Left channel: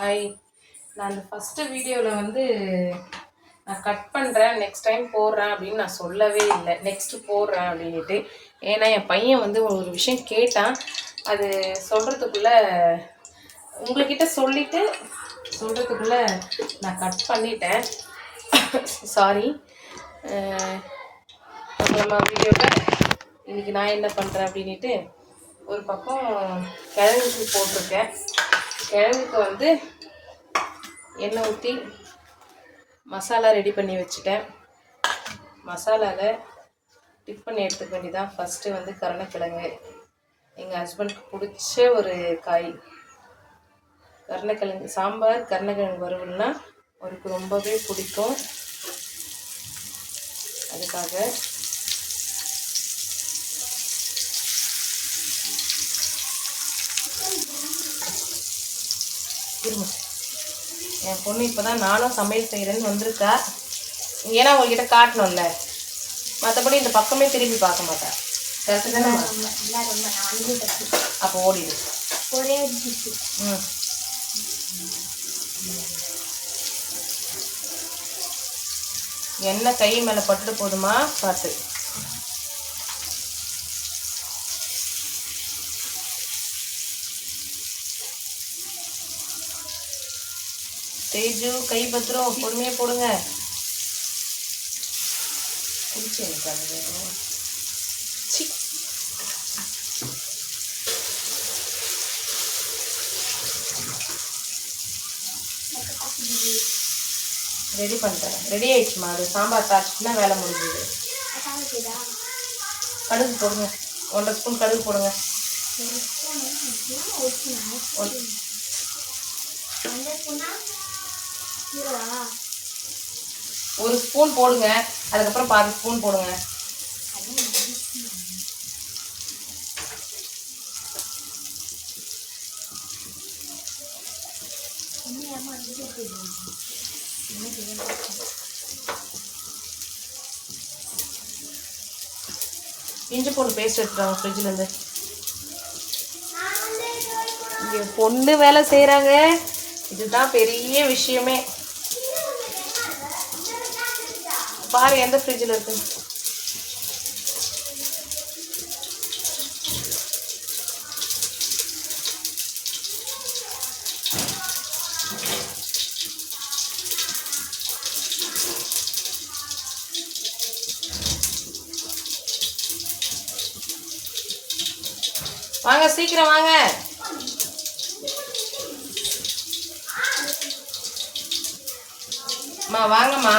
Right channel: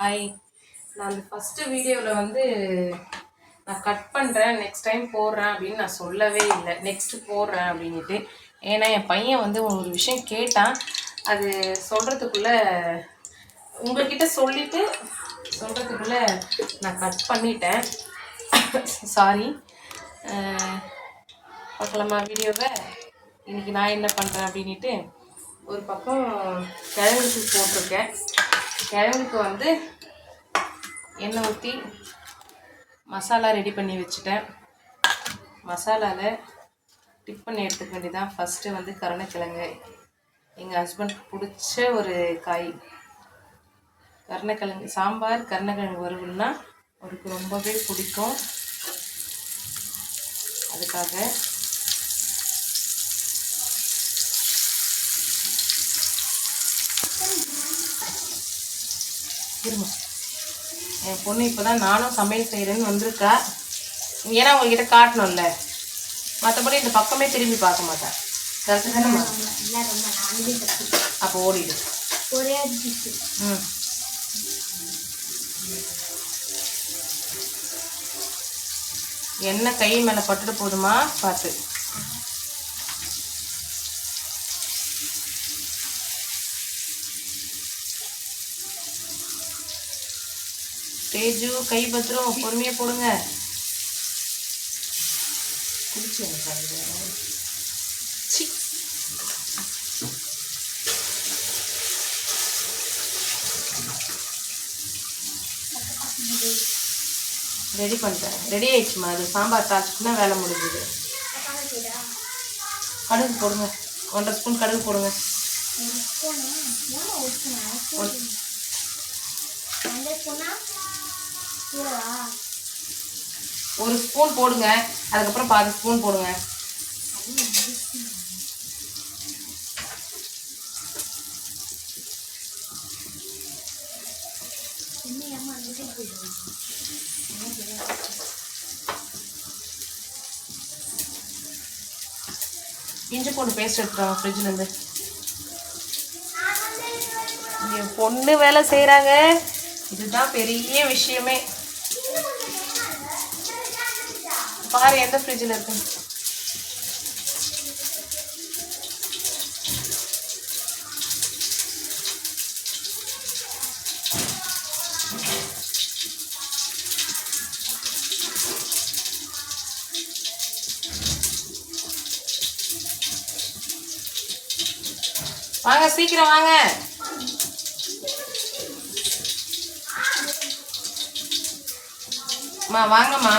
Hi, நான் அந்த first வீடியோவில் வந்து நான் கட் பண்ணுறேன், நெக்ஸ்ட் டைம் போடுறேன் அப்படின்னு நான் சொல்லவே இல்லை. நெக்ஸ்ட்டு போடுறேன் அப்படின்ட்டு. ஏன்னா என் பையன் வந்து ஒரு விஷயம் கேட்டான். அது சொல்கிறதுக்குள்ளே உங்கள்கிட்ட சொல்கிறதுக்குள்ளே நான் கட் பண்ணிட்டேன். சாரி. நம்ம வீடியோவில் இன்றைக்கி நான் என்ன பண்ணுறேன் அப்படின்ட்டு ஒரு பக்கம் கிழங்குக்கு போட்டிருக்கேன். கிழங்குக்கு வந்து எண்ணெய் ஊற்றி மசாலா ரெடி பண்ணி வச்சுட்டேன். மசாலாவில் டிப் பண்ணி எடுத்துக்க வேண்டியதான். ஃபஸ்ட்டு வந்து கருணக்கிழங்கு, எங்கள் ஹஸ்பண்டுக்கு பிடிச்ச ஒரு காய். கருணக்கிழங்கு சாம்பார், கருணக்கிழங்கு வறுவல்னா அவருக்கு ரொம்பவே பிடிக்கும். அதுக்காக இருங்க, என் பொண்ணு இப்போ தான் நானும் சமையல் செய்கிறேன்னு வந்திருக்கா. ஏன்னா உங்ககிட்ட காட்டணும்ல, மற்றபடி இந்த பக்கமே திரும்பி பார்க்க மாட்டா. கரெக்டு தானேம்மா? அப்போ ஓடிடு. எண்ணெய் கை மேலே பட்டுட்டு போதுமா பார்த்து. தேஜு கை பத்திரம், பொறுமையாக போடுங்க. பிடிச்சி எனக்கு ரெடி பண்ணிட்டேன். ரெடி ஆயிடுச்சுமா. அது சாம்பார் தாச்சுன்னா வேலை முடிஞ்சுது. கடுகு போடுங்க, 1.5 ஸ்பூன் கடுகு போடுங்க. ஒரு ஸ்பூன் போடுங்க, அதுக்கப்புறம் 1/4 ஸ்பூன் போடுங்க. இஞ்சி பூண்டு பேஸ்ட் எடுத்துட்டாங்க ஃப்ரிட்ஜிலேருந்து. என் பொண்ணு வேலை செய்கிறாங்க, இதுதான் பெரிய விஷயமே. பாரு எந்த ஃப்ரிட்ஜில் இருக்கு. வாங்க சீக்கிரம் வாங்க. வாங்கம்மா.